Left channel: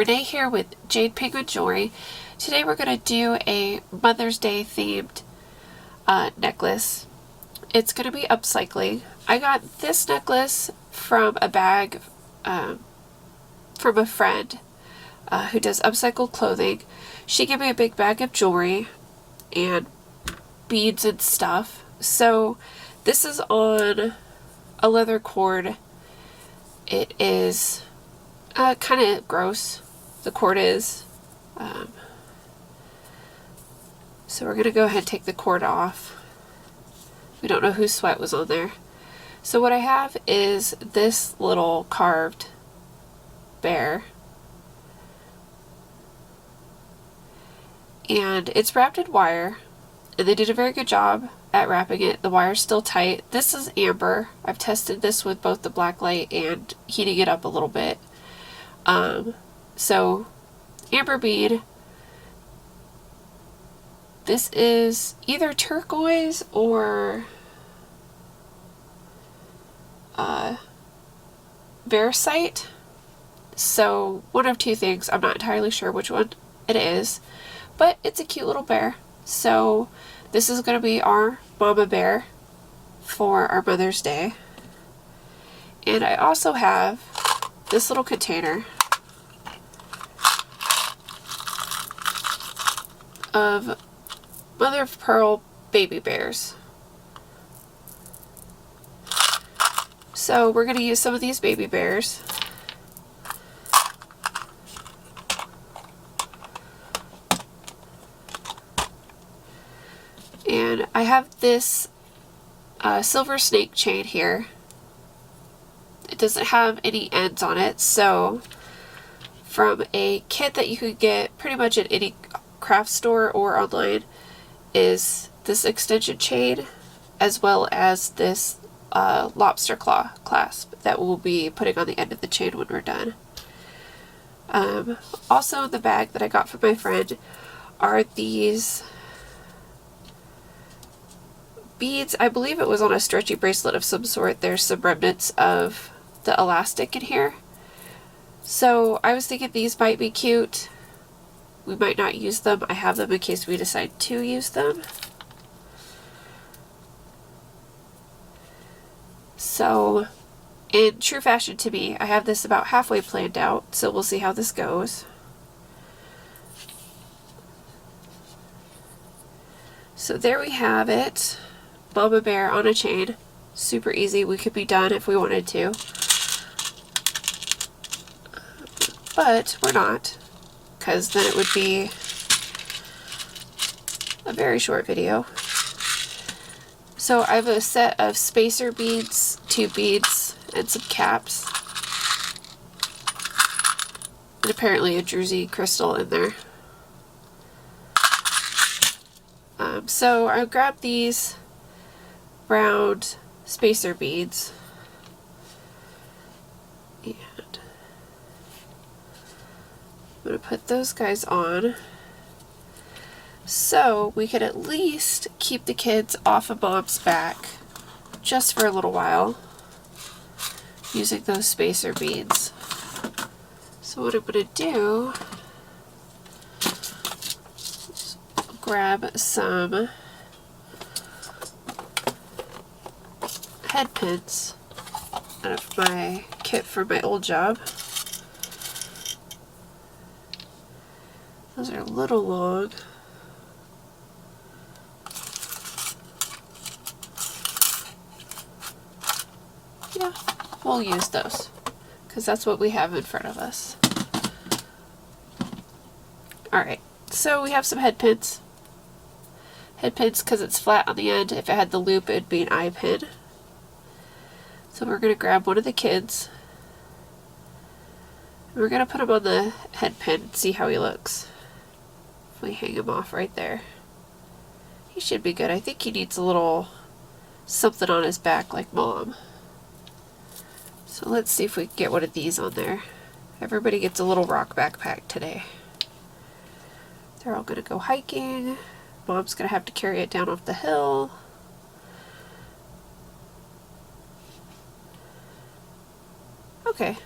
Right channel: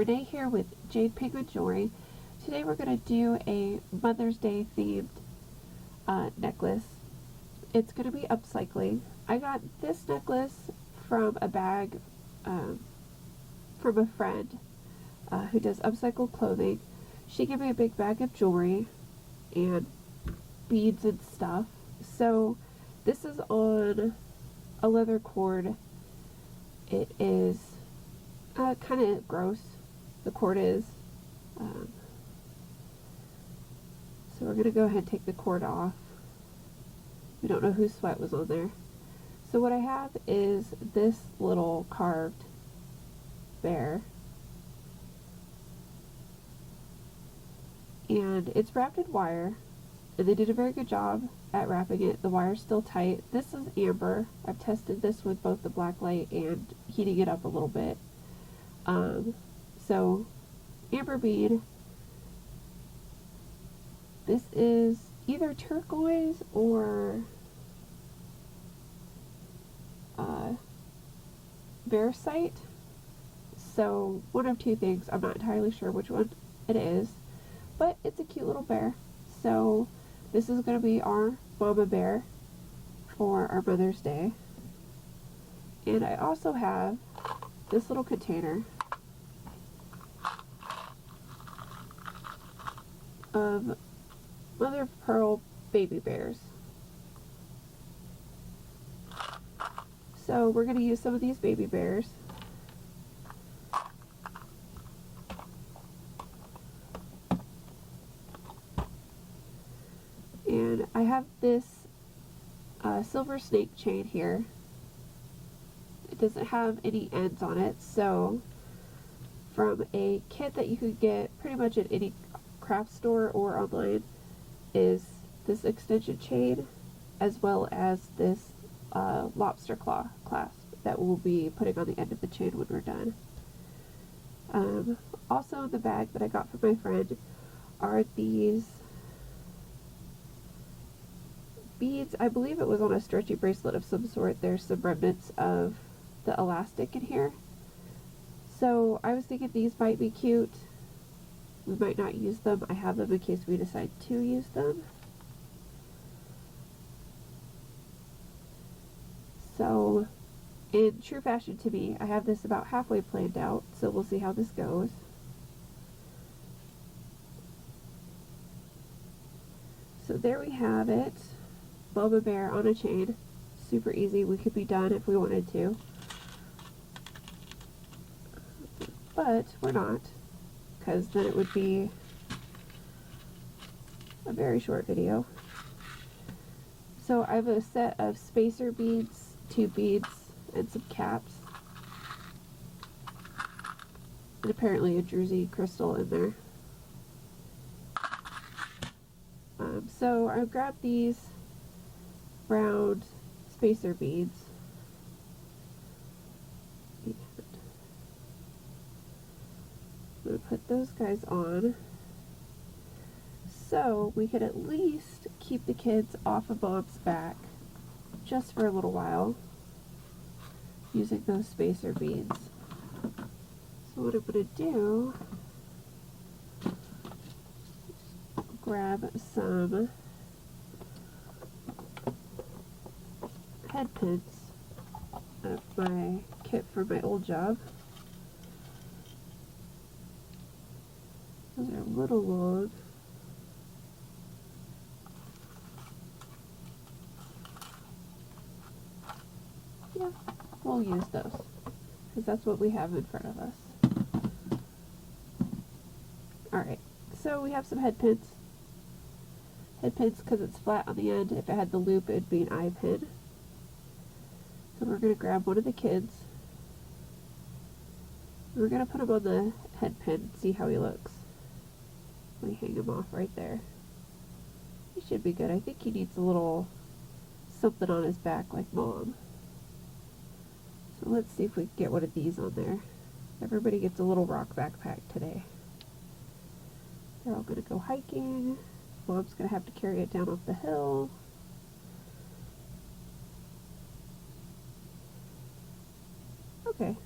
Renee here with Jade Penguin Jewelry. Today we're going to do a Mother's Day themed necklace. It's going to be upcycling. I got this necklace from a bag from a friend who does upcycled clothing. She gave me a big bag of jewelry and beads and stuff. So this is on a leather cord. It is kind of gross, the cord is. So we're going to go ahead and take the cord off. We don't know whose sweat was on there. So what I have is this little carved bear. And it's wrapped in wire. And they did a very good job at wrapping it. The wire's still tight. This is amber. I've tested this with both the black light and heating it up a little bit. So amber bead. This is either turquoise or varicite. So one of two things. I'm not entirely sure which one it is, but it's a cute little bear. So this is going to be our mama bear for our Mother's Day. And I also have this little container of mother of pearl baby bears. So we're going to use some of these baby bears. And I have this silver snake chain here. It doesn't have any ends on it, so from a kit that you could get pretty much at any craft store or online is this extension chain, as well as this lobster claw clasp that we'll be putting on the end of the chain when we're done. Also in the bag that I got from my friend are these beads. I believe it was on a stretchy bracelet of some sort. There's some remnants of the elastic in here. So I was thinking these might be cute. We might not use them. I have them in case we decide to use them. So in true fashion to me, I have this about halfway planned out, so we'll see how this goes. So there we have it. Mama bear on a chain. Super easy. We could be done if we wanted to. But we're not, because then it would be a very short video. So I have a set of spacer beads, 2 beads, and some caps. And apparently a druzy crystal in there. So I grabbed these round spacer beads. And I'm going to put those guys on so we could at least keep the kids off of Mom's back just for a little while using those spacer beads. So what I'm going to do is grab some head pins out of my kit for my old job. Those are a little long. Yeah, we'll use those because that's what we have in front of us. Alright, so we have some head pins. Head pins because it's flat on the end. If it had the loop, it'd be an eye pin. So we're going to grab one of the kids. And we're going to put him on the head pin and see how he looks. If we hang him off right there. He should be good. I think he needs a little something on his back like Mom. So let's see if we can get one of these on there. Everybody gets a little rock backpack today. They're all going to go hiking. Mom's going to have to carry it down off the hill. Okay,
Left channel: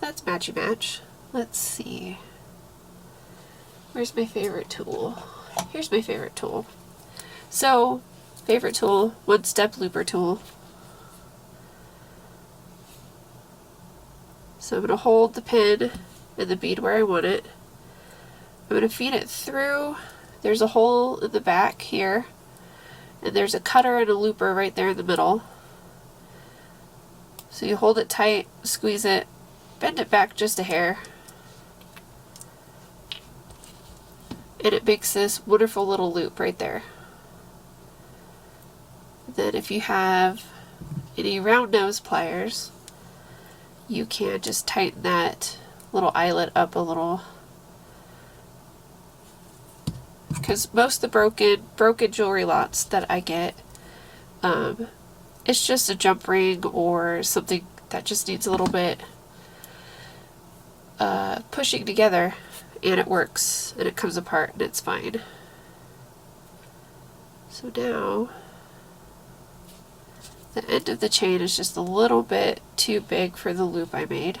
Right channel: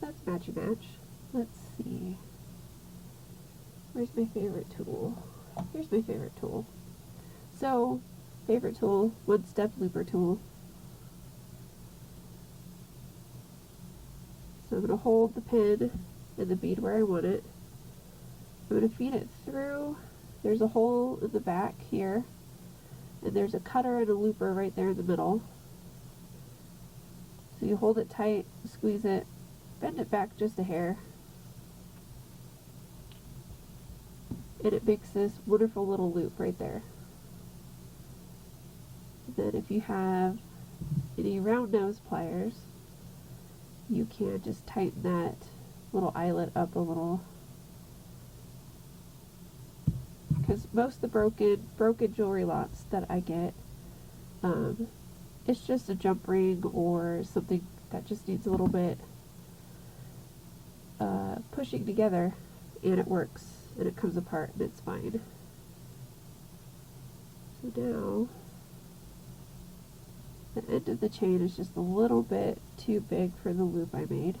that's matchy match. Let's see. Where's my favorite tool? Here's my favorite tool. So, favorite tool, one-step looper tool. So I'm going to hold the pin and the bead where I want it. I'm going to feed it through. There's a hole in the back here, and there's a cutter and a looper right there in the middle. So you hold it tight, squeeze it, bend it back just a hair, and it makes this wonderful little loop right there. Then if you have any round nose pliers, you can just tighten that little eyelet up a little, because most of the broken jewelry lots that I get, it's just a jump ring or something that just needs a little bit pushing together, and it works and it comes apart and it's fine. So now the end of the chain is just a little bit too big for the loop I made.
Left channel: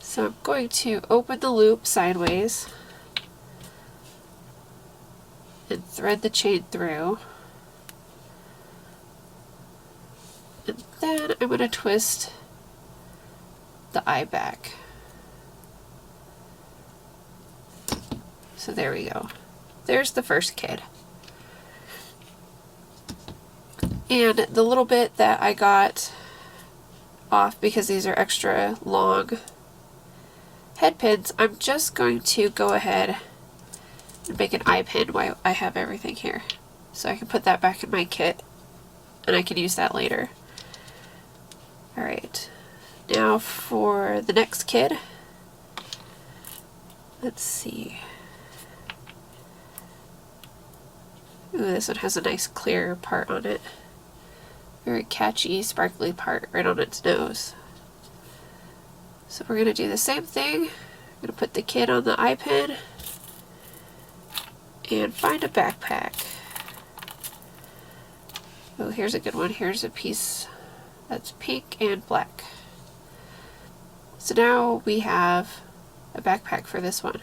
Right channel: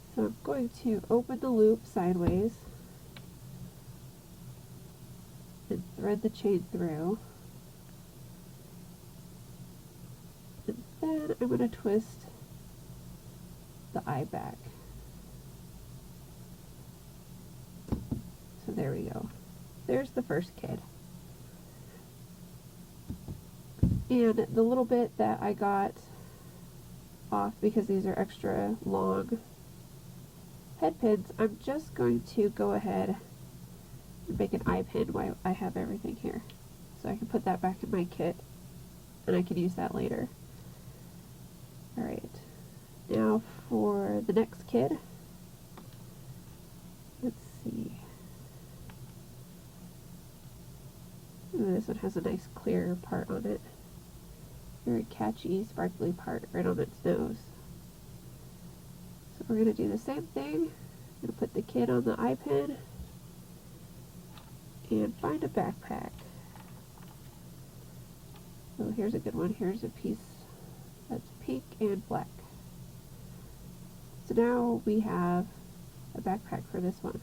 So I'm going to open the loop sideways and thread the chain through. And then I'm going to twist the eye back. So there we go. There's the first kid. And the little bit that I got off, because these are extra long head pins, I'm just going to go ahead and make an eye pin while I have everything here. So I can put that back in my kit and I can use that later. Alright, now for the next kid. Let's see. Ooh, this one has a nice clear part on it. Very catchy, sparkly part right on its nose. So we're going to do the same thing. I'm going to put the kid on the eye pin and find a backpack. Oh, here's a good one. Here's a piece that's pink and black. So now we have a backpack for this one.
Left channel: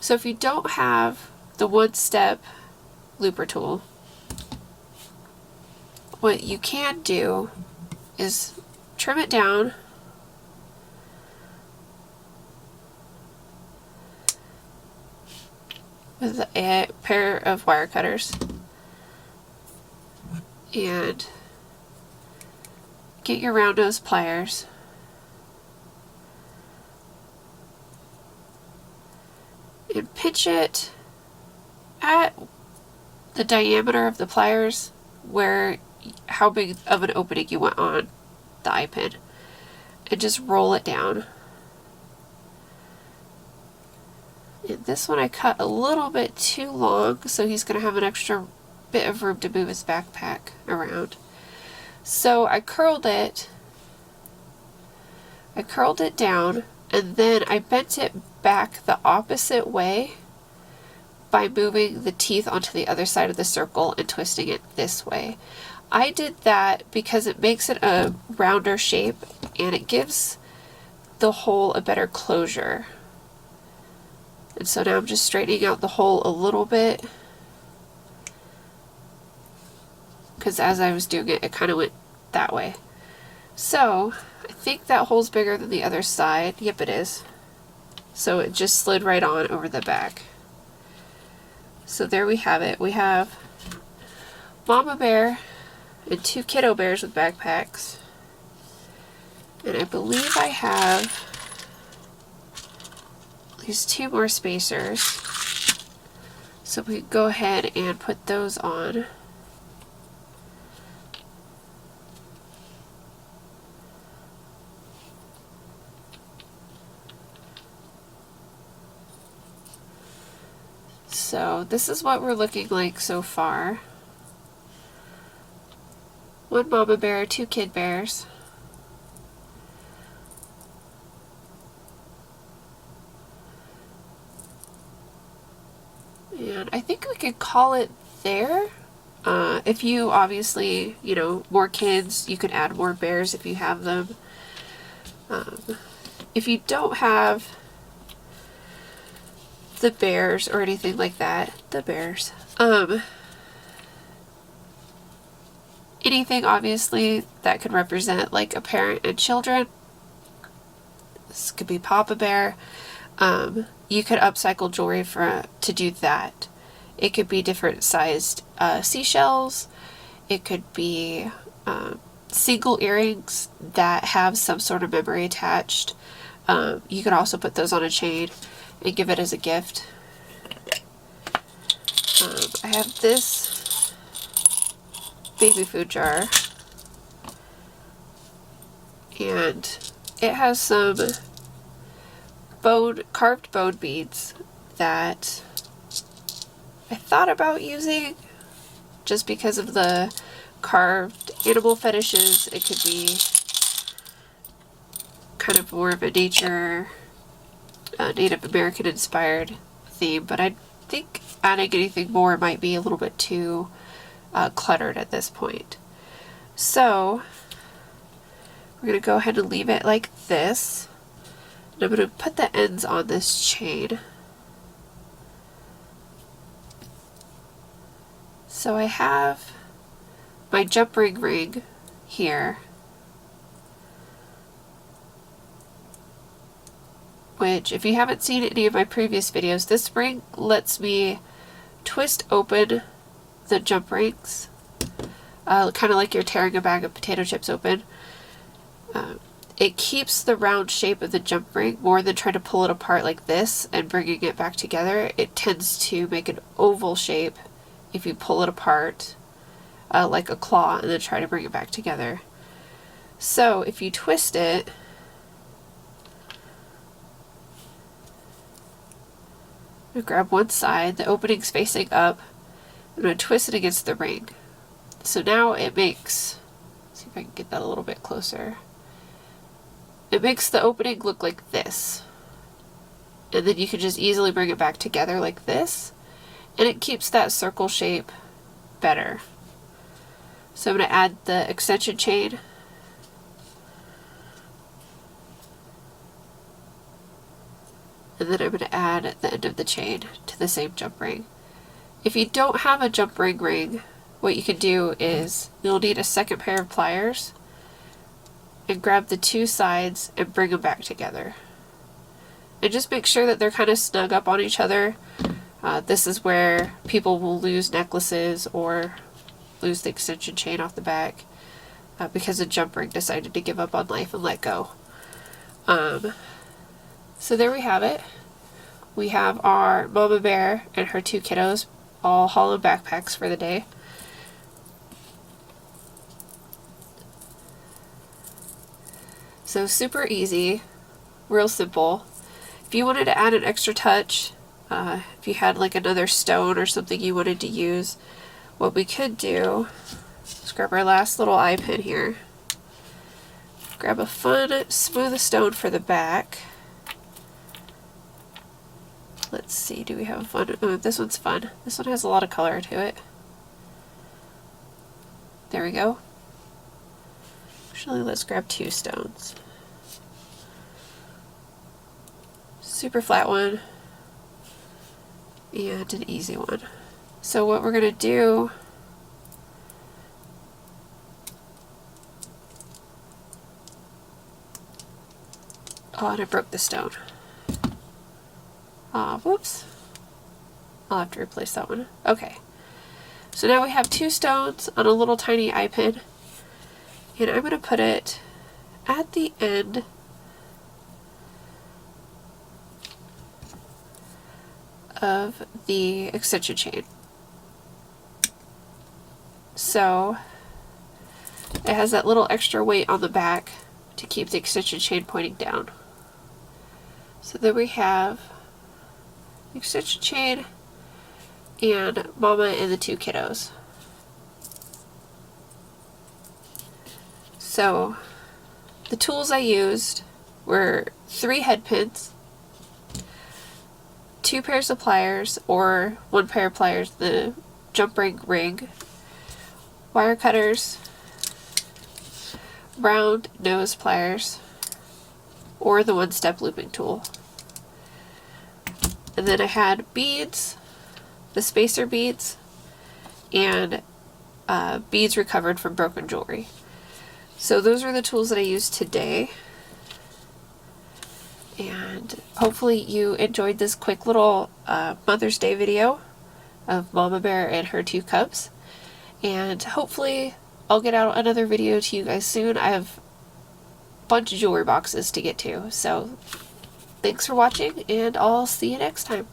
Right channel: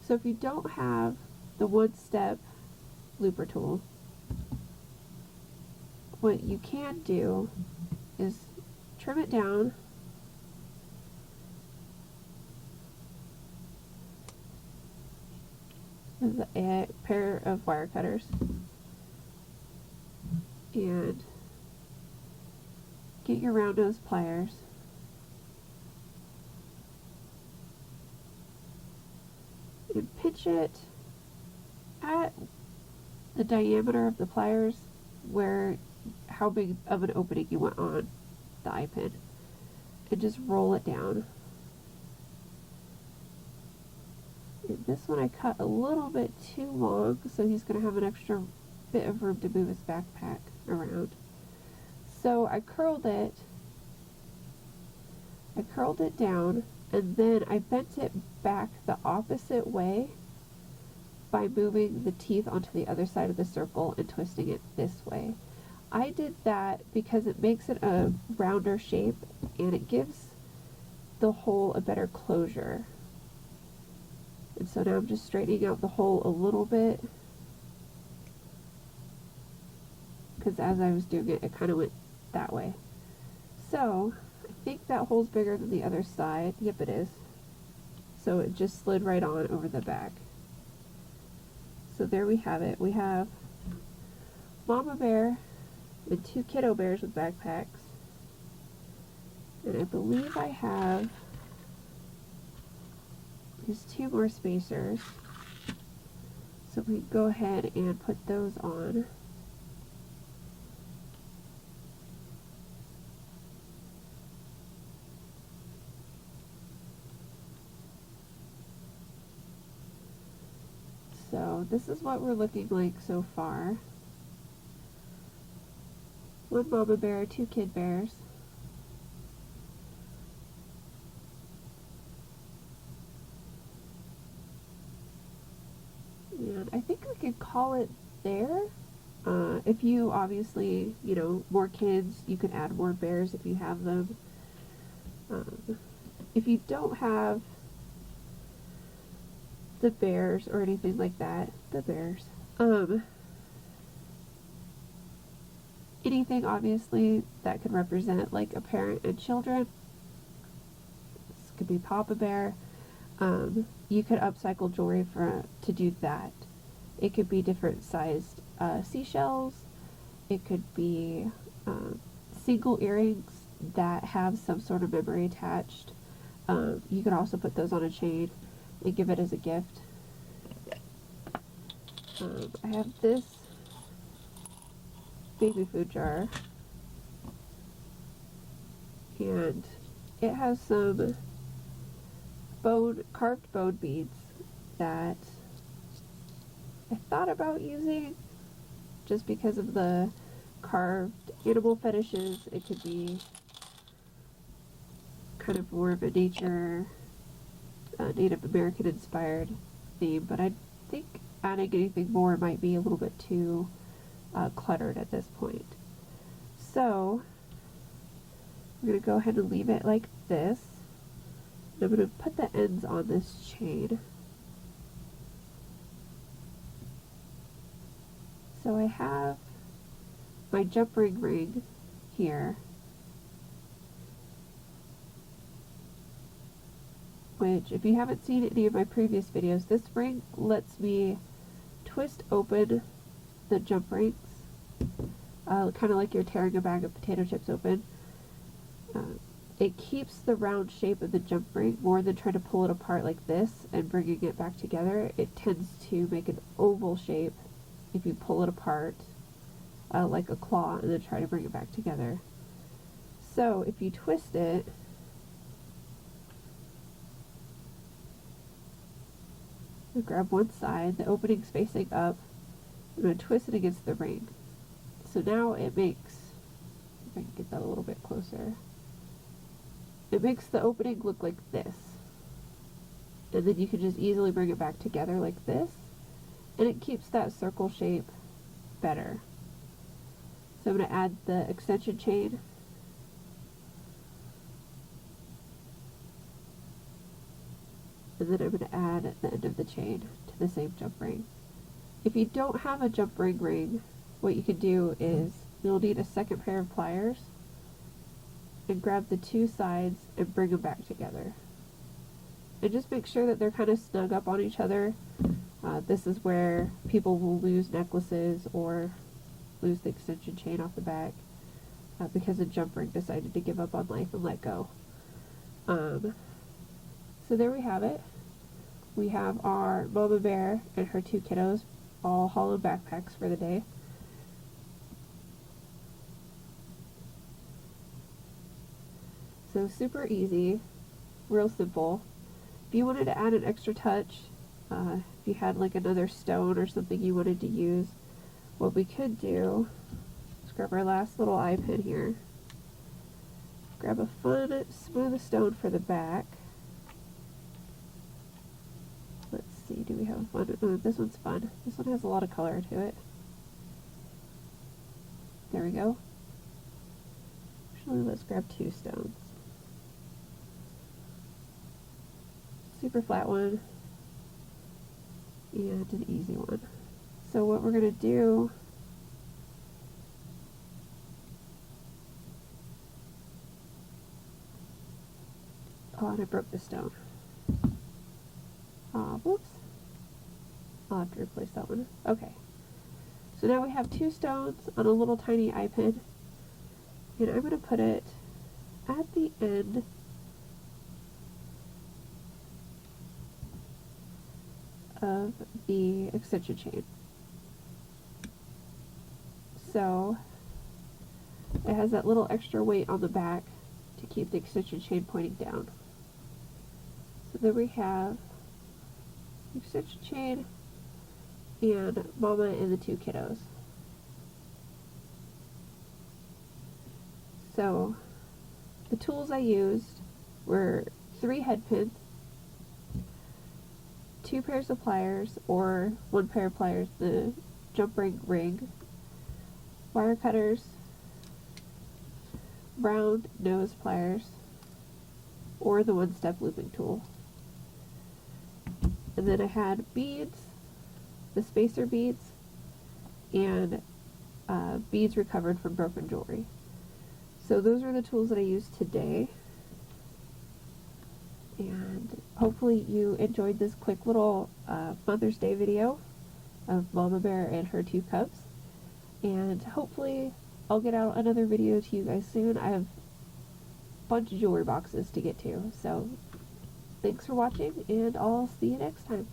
So if you don't have the one-step looper tool, what you can do is trim it down with a pair of wire cutters and get your round nose pliers and pinch it at the diameter of the pliers, where how big of an opening you want on the eye pin, and just roll it down. And this one I cut a little bit too long, so he's going to have an extra bit of room to move his backpack around. So I curled it down, and then I bent it back the opposite way by moving the teeth onto the other side of the circle and twisting it this way. I did that because it makes it a rounder shape and it gives the hole a better closure. And so now I'm just straightening out the hole a little bit, because as I was doing it, it kind of went that way. So I think that hole's bigger than the other side. Yep, it is. So it just slid right on over the back. So there we have it. We have Mama Bear and two kiddo bears with backpacks. And I believe I have these two more spacers. So we can go ahead and put those on. So this is what we're looking like so far. One mama bear, two kid bears. And I think we could call it there. If you obviously, more kids, you can add more bears if you have them. If you don't have the bears or anything like that. The bears. Anything obviously that could represent like a parent and children. This could be Papa Bear. You could upcycle jewelry to do that. It could be different sized seashells. It could be single earrings that have some sort of memory attached. You could also put those on a chain and give it as a gift. I have this baby food jar, and it has some carved bone beads that I thought about using just because of the carved animal fetishes. It could be kind of more of a nature, Native American inspired theme, but I think adding anything more might be a little bit too cluttered at this point. So we're going to go ahead and leave it like this. And I'm going to put the ends on this chain. So I have my jump ring here, which if you haven't seen any of my previous videos, this ring lets me twist open the jump rings, kind of like you're tearing a bag of potato chips open. It keeps the round shape of the jump ring more than trying to pull it apart like this and bringing it back together. It tends to make an oval shape if you pull it apart like a claw and then try to bring it back together. So if you twist it, I'm going to grab one side, the opening's facing up, I'm going to twist it against the ring. So now it makes, let's see if I can get that a little bit closer. It makes the opening look like this. And then you can just easily bring it back together like this. And it keeps that circle shape better. So I'm going to add the extension chain. And then I'm going to add the end of the chain to the same jump ring. If you don't have a jump ring, what you can do is you'll need a second pair of pliers and grab the two sides and bring them back together. And just make sure that they're kind of snug up on each other. This is where people will lose necklaces or lose the extension chain off the back because the jump ring decided to give up on life and let go. So there we have it. We have our mama bear and her two kiddos, all hollow backpacks for the day. So super easy, real simple. If you wanted to add an extra touch, if you had like another stone or something you wanted to use, what we could do is grab our last little eye pin here. Grab a fun, smooth stone for the back. Let's see, do we have a fun? Oh, this one's fun. This one has a lot of color to it. There we go. Actually, let's grab two stones. Super flat one and an easy one. So what we're going to do oh, and I broke the stone. Whoops. I'll have to replace that one. Okay. So now we have two stones on a little tiny eye pin. And I'm going to put it at the end of the extension chain. So it has that little extra weight on the back to keep the extension chain pointing down. So then we have the extension chain and mama and the two kiddos. So the tools I used were 3 head pins, 2 pairs of pliers or 1 pair of pliers, the jump ring, wire cutters, round nose pliers, or the one-step looping tool. And then I had beads, the spacer beads, and beads recovered from broken jewelry. So those are the tools that I used today. And hopefully you enjoyed this quick little Mother's Day video of Mama Bear and her 2 cubs. And hopefully I'll get out another video to you guys soon. I have a bunch of jewelry boxes to get to. So thanks for watching, and I'll see you next time.